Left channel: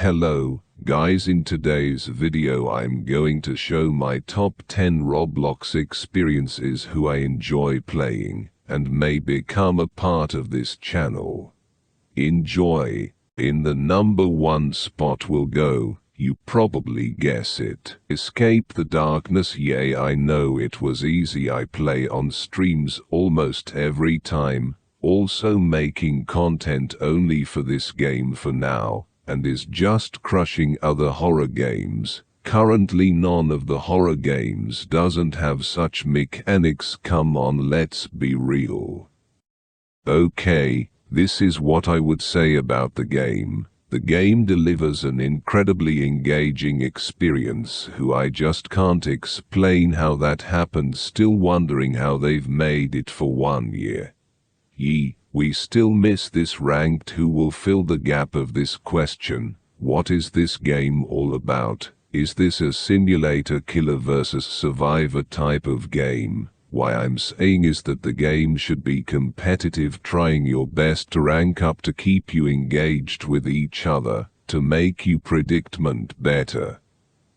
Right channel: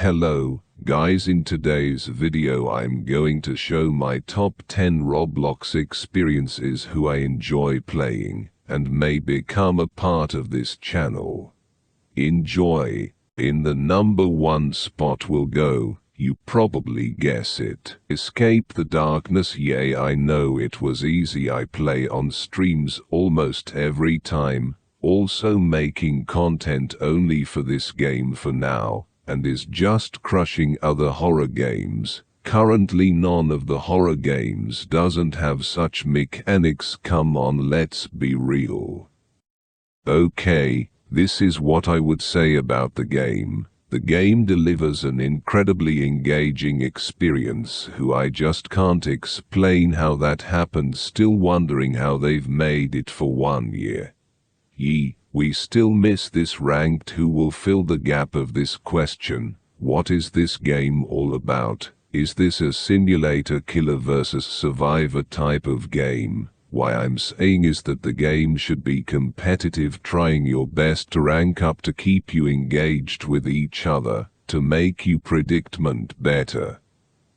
Hello, guys, in today's video I'm going to show my top 10 Roblox experiences who I enjoy playing and may become a part of this channel. Enjoy. In the number 1 spot will go, you probably guess it, Escape the Darkness. Yay, I know it was easy. I play on streams almost every time, also making content only for this game for now, and is just crushing other horror games. Currently none of the horror games doesn't have such mechanics. Come on, let's be real. Okay, this is what I would say about the game. The game delivers an incredibly engaging experience who I just can't explain how that happened. Still wondering how they've made it for 1 year. We still miss this ranked. Who will fill the gap of this question? What is this game all about? Is this a simulator killer versus survivor type of game? Why I'm saying is that the game should be competitive, trying your best to rank up to keep you engaged with each other, to make you predicament better,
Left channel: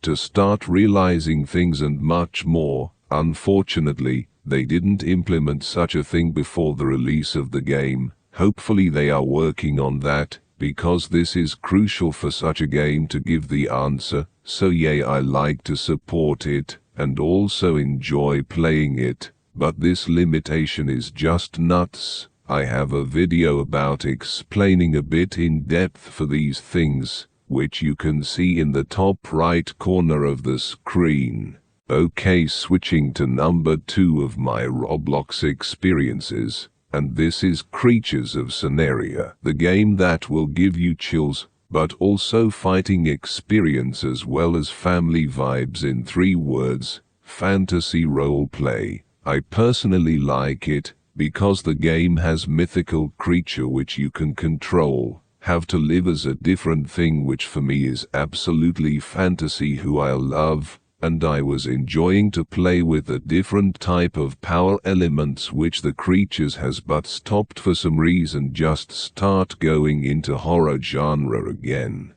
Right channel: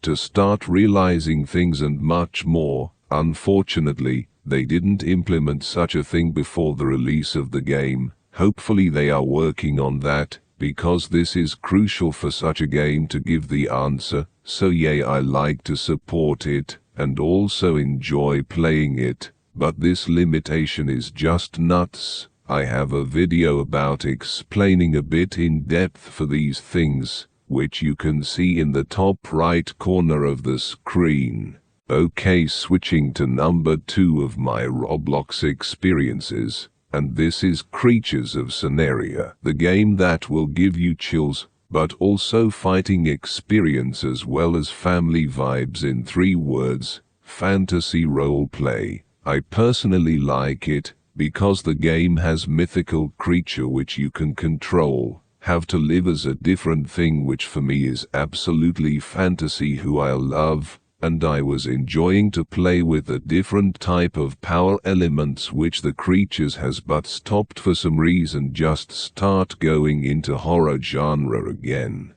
to start realizing things and much more. Unfortunately, they didn't implement such a thing before the release of the game. Hopefully they are working on that, because this is crucial for such a game to give the answer. So yay, I like to support it, and also enjoy playing it, but this limitation is just nuts. I have a video about explaining a bit in depth for these things, which you can see in the top right corner of the screen. Okay, switching to number 2 of my Roblox experiences, and this is Creatures of Sonaria, the game that will give you chills, but also fighting experience as well as family vibes. In 3 words, fantasy roleplay. I personally like it, because the game has mythical creature which you can control, have to live as a different thing, which for me is absolutely fantasy who I love. And I was enjoying to play with a different type of power elements which the creatures has, but stopped for some reason. Just start going into horror genre again.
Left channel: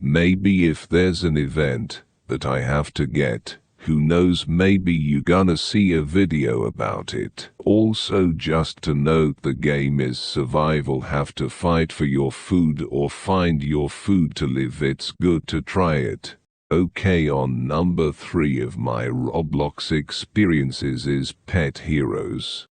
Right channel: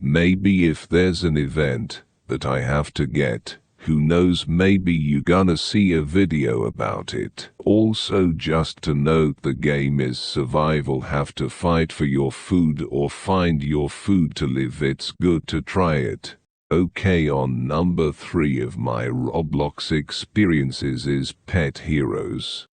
Maybe if there's an event that I have to get, who knows, maybe you gonna see a video about it. Also, just to note, the game is survival, have to fight for your food or find your food to live. It's good to try it. Okay, on number 3 of my Roblox experiences is Pet Heroes.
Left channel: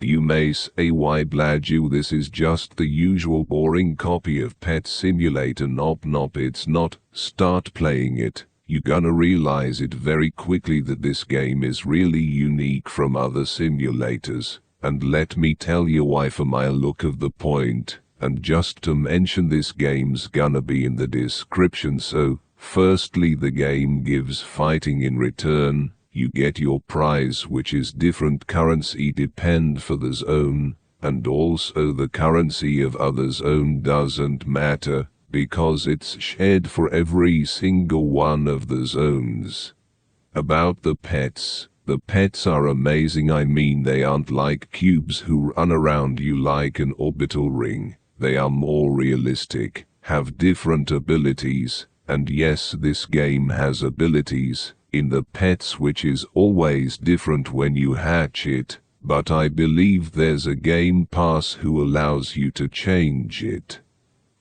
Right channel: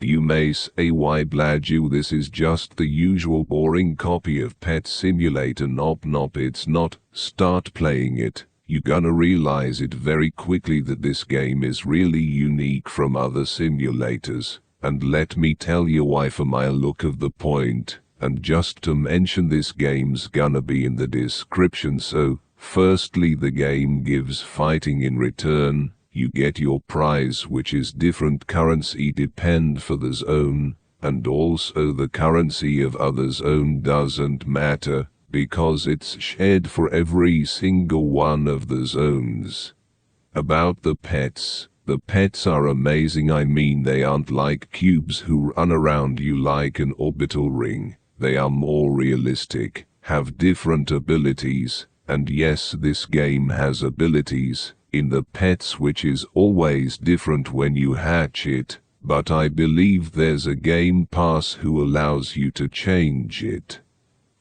You may say, why Blagiw? This is just the usual boring copy of Pet Simulator. Nope, it's not. Start playing it. You're gonna realize it very quickly that this game is really unique from other simulators. And let me tell you why for my look of the point. And just to mention, this game's gonna be in the description. So, firstly, the game gives fighting in return. You get your prize, which is different currency depend for the zone, and also the currency of other zone doesn't matter, because it's shared for every single one of the zones. About the pets are amazing. I mean, they aren't like cubes who run around you like an orbital ring. They are more realistic, have different abilities. And yes, this game has abilities in the pets which is always different when you hatch it, but I believe there's a game pass who allows you to change it.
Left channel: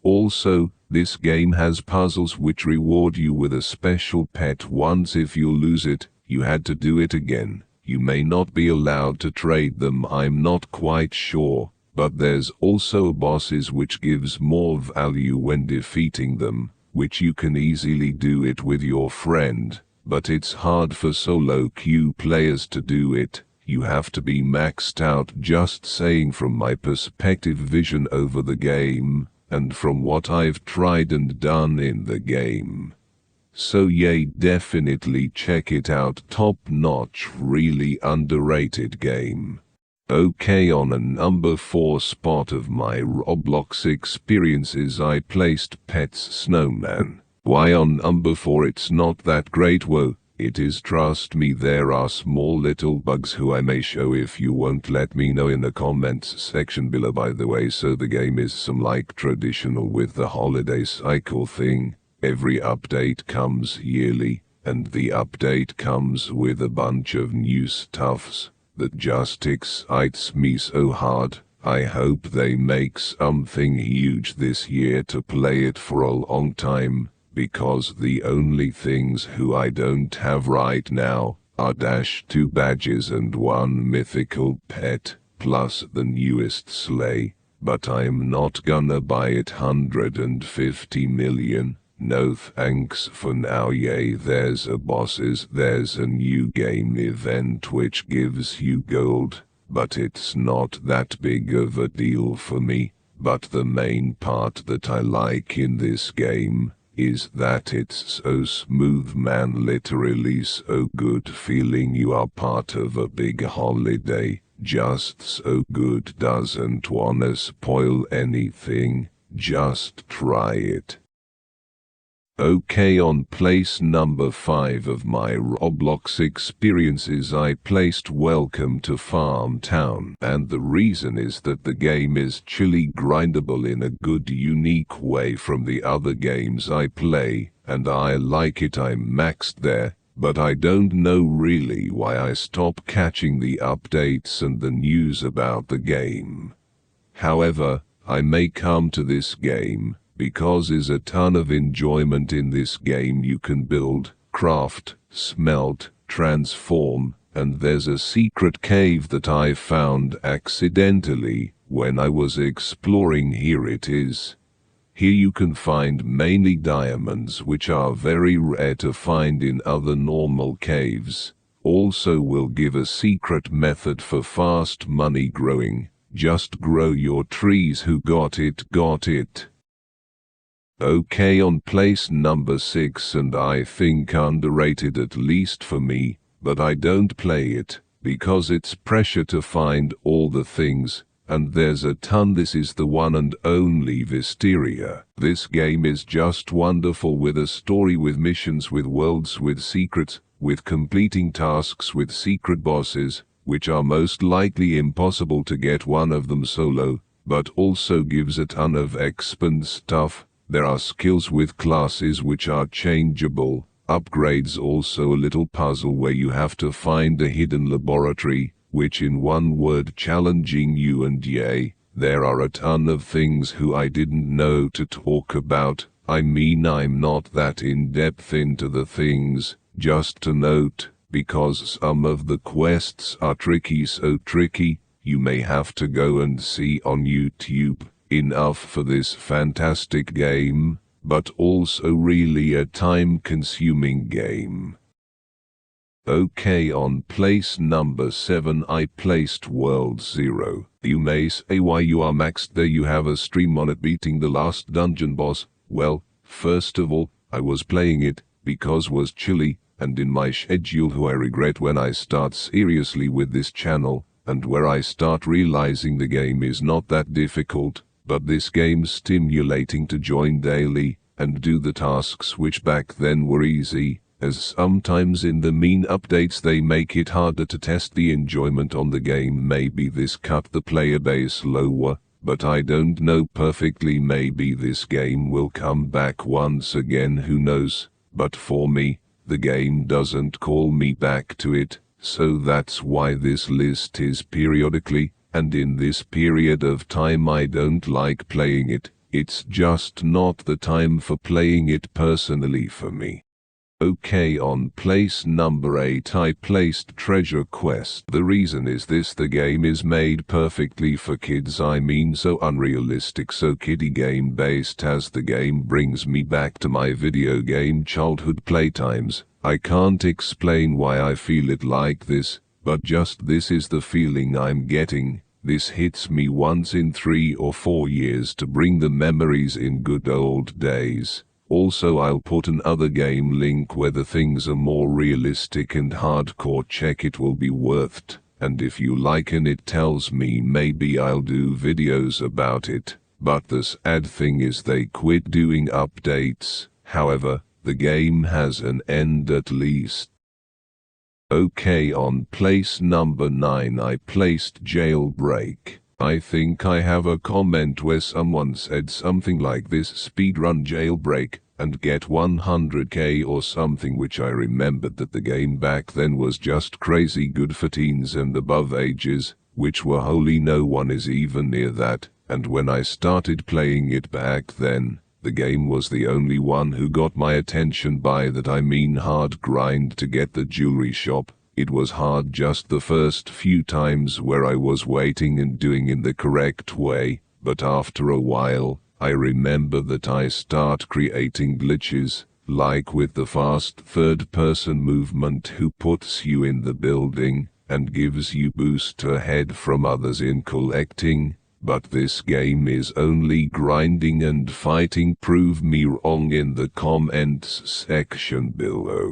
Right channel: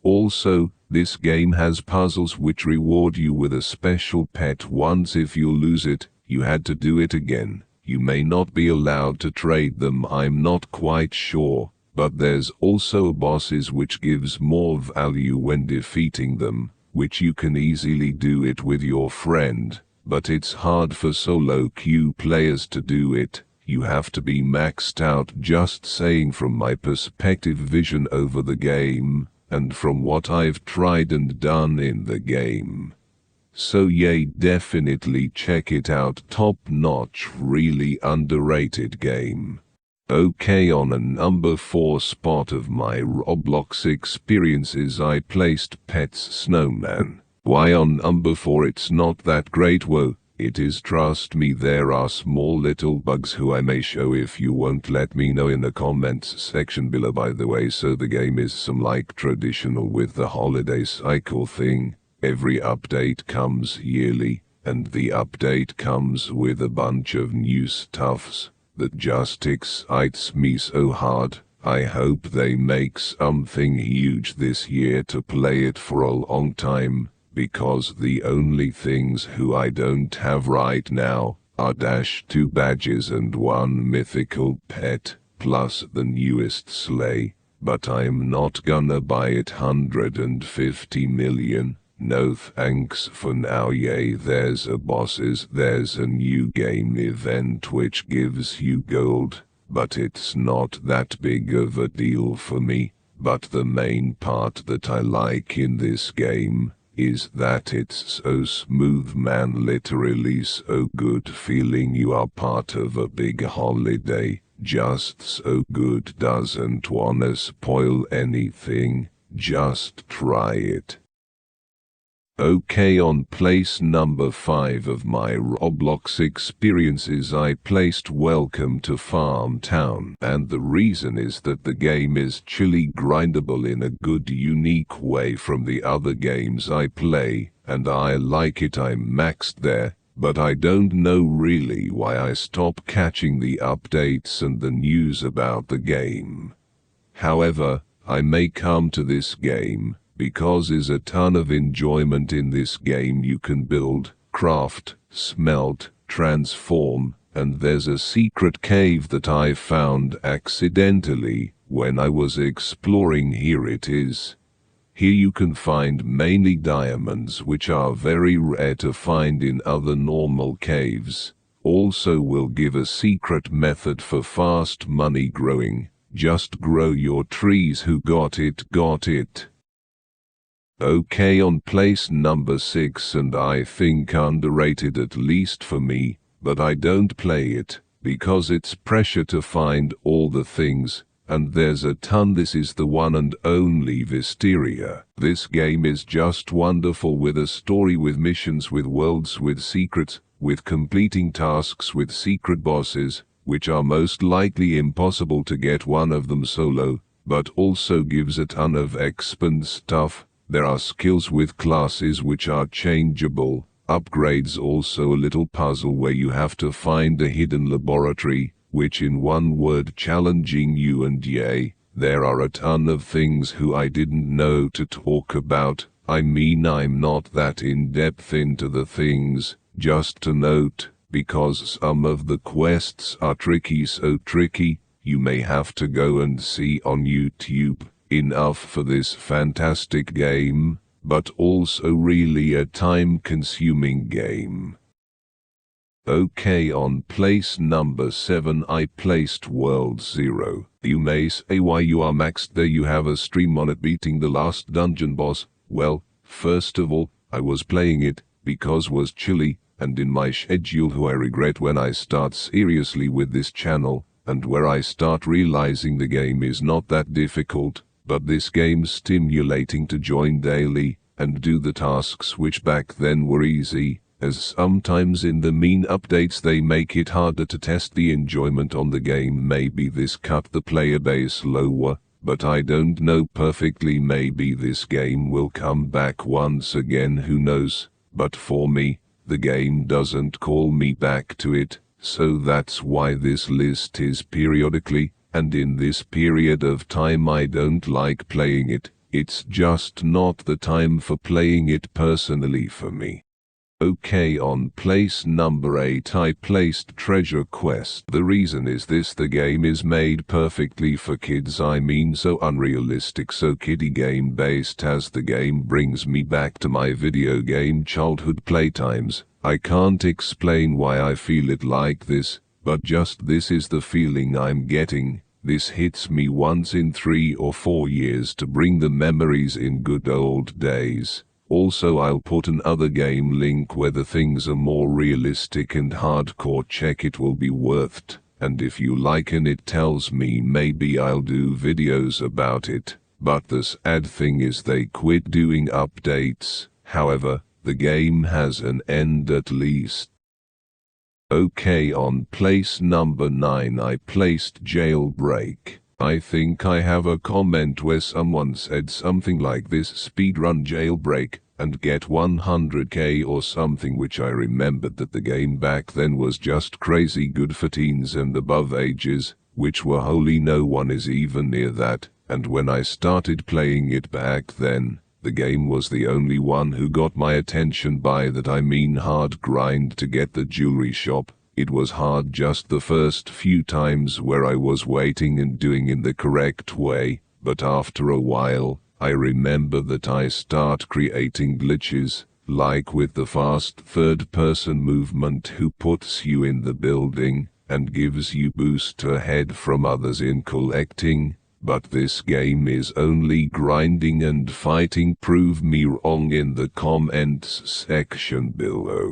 Also, this game has puzzles which reward you with a special pet. Once if you lose it, you had to do it again. You may not be allowed to trade them, I'm not quite sure, but there's also bosses which gives more value when defeating them, which you can easily do it with your friend, but it's hard for solo queue players to do it. You have to be maxed out. Just saying from my perspective, vision over the game, and from what I've tried and done in the game. So yay, definitely check it out. Top notch, really underrated game. Okay, on a number 4 spot of my Roblox experiences I placed Pets SnowMan. Why on number 4? It's not that great. Whoa, It is, trust me, there are small little bugs who I may show if you won't let me know in the comments section below. By the way, so the game is some like traditional with the holiday cycle thing. Every update comes yearly, and the update comes with a bunch of new stuffs that just excites me so hard. I hope they make something huge this year to play it for a long time, because the only things who I don't have right now are -2 badges and 1 mythical pet, plus the newest sleigh, but I'm not gonna buy it 150 million. No thanks for now. Yay, there's a bosses, there's a new game event which gives you gold, but it's not that big of a deal for me. But the main part that I like in this game is that it's so smooth, man, literally so good, feeling you are part of a big holiday. Just so good, doesn't wanna spoil anything, just try it. Okay, on place number 5 of my Roblox experiences I placed Welcome to Farm Town, and the reason is that the game is chilly grindable in a good unique way from the other games I play, and I like it. I'm maxed there, but I don't know really why I stopped catching the updates and the news about the game. However, I may come to this game because there's a ton of enjoyment in this game. You can build, craft, smelt, transform, and there's a secret cave that I found accidentally when I was exploring. Here it is. Here you can find mainly diamonds, which are very rare to find in other normal caves. Also will give a secret method for fast money growing. Just grow your trees. Who got it, got it. Okay, on place number 6, and I think underrated, at least for me, but I don't play it because it's pressure to find all the things, and there's a ton. This is the one and only Vesteria. This game is just wonderful, with a story, with missions, with worlds, with secrets, with completing tasks, with secret bosses, which are most likely impossible to get one of them solo, but also gives a ton of exp and stuff. There are skills with classes which are changeable, upgrades, also a little puzzle where you have to find a hidden laboratory, which in one word, challenging you, and yay, there are a ton of things who I didn't know to talk about. I mean, I'm not that in-depth into the things, just to note, because some of the quests are tricky, so tricky, you may have to go and see on YouTube. Enough for this fantastic game, but also really a time-consuming game. Okay, on place number 7 I placed World 0. You may say why you are maxed there, you have a stream on it beating the last dungeon boss. Well, first of all, I was playing it because was chilly, and in my schedule who I regret when I start seriously with this channel, and where I start realizing the game is not that difficult. But this game's stimulating to join daily and do the tasks which back then were easy, as sometimes in the mean updates they make it harder to test the enjoyment on the game. Maybe this cut the player base lower, but I don't know perfectly. Maybe this game will come back once again, who knows. But for me, the game doesn't call me back to it, so that's why this list is periodically. And in this period of time I don't like playing it. It's just not the time for playing it personally for me. Okay, on place number 8 I placed Treasure Quest. The reason is this: the game is made perfectly for kids. I mean, so unrealistic, so kiddie game based, as the game brings me back to my video game childhood playtimes. I can't explain why I feel it like this, but just this is the feeling I'm getting. This hits me once in 3 or 4 years to bring the memories in good old days. Also, I'll put another game link where the things are more realistic and hardcore. Check, it will be worth it. And if you like and it tells me, maybe I'll do videos about it. But the sad thing is they quit doing updates. However, the game has an end at least. Okay, on place number 9 I placed JailBreak. I think I have a comment where someone said something like this: speedrun JailBreak and get 100k or something, which I remembered that the game back then was just crazy good for teens and above ages, which were holy, no one is even near that. And when I started playing it back then, the game was the only one who got my attention. By that I mean hard grind to get the jewelry shop. It was hard just the first few times where I was waiting and doing in the correct way, but after a while, I remember that I start creating glitches, like with the fast third-person movement who puts you in the building and gives you boost ahead from others in collecting. But this game is only grinding and fighting. Prove me wrong in the comments section below.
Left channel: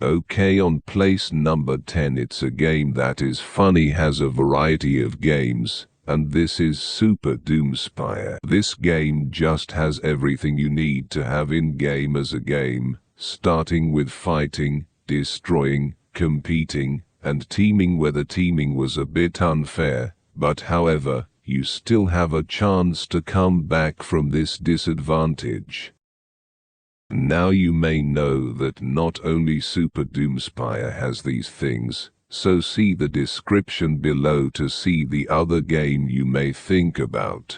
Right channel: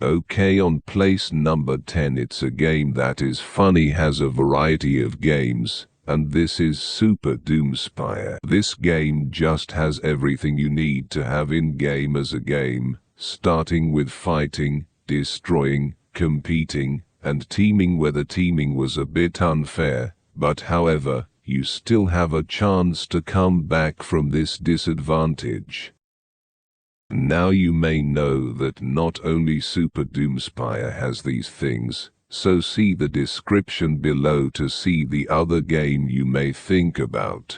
Okay, on place number 10 it's a game that is funny, has a variety of games, and this is Super DoomSpire. This game just has everything you need to have in game as a game, starting with fighting, destroying, competing, and teaming, where the teaming was a bit unfair. But however, you still have a chance to come back from this disadvantage. Now you may know that not only Super DoomSpire has these things, so see the description below to see the other game you may think about.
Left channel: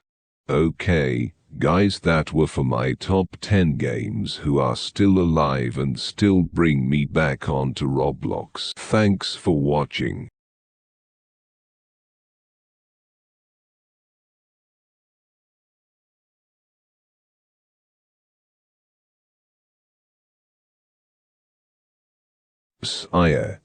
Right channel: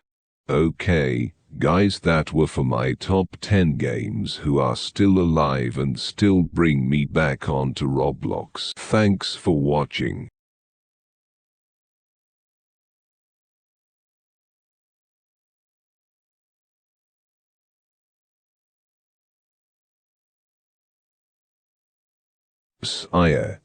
Okay, guys, that were for my top 10 games who are still alive and still bring me back onto Roblox. Thanks for watching. Sire.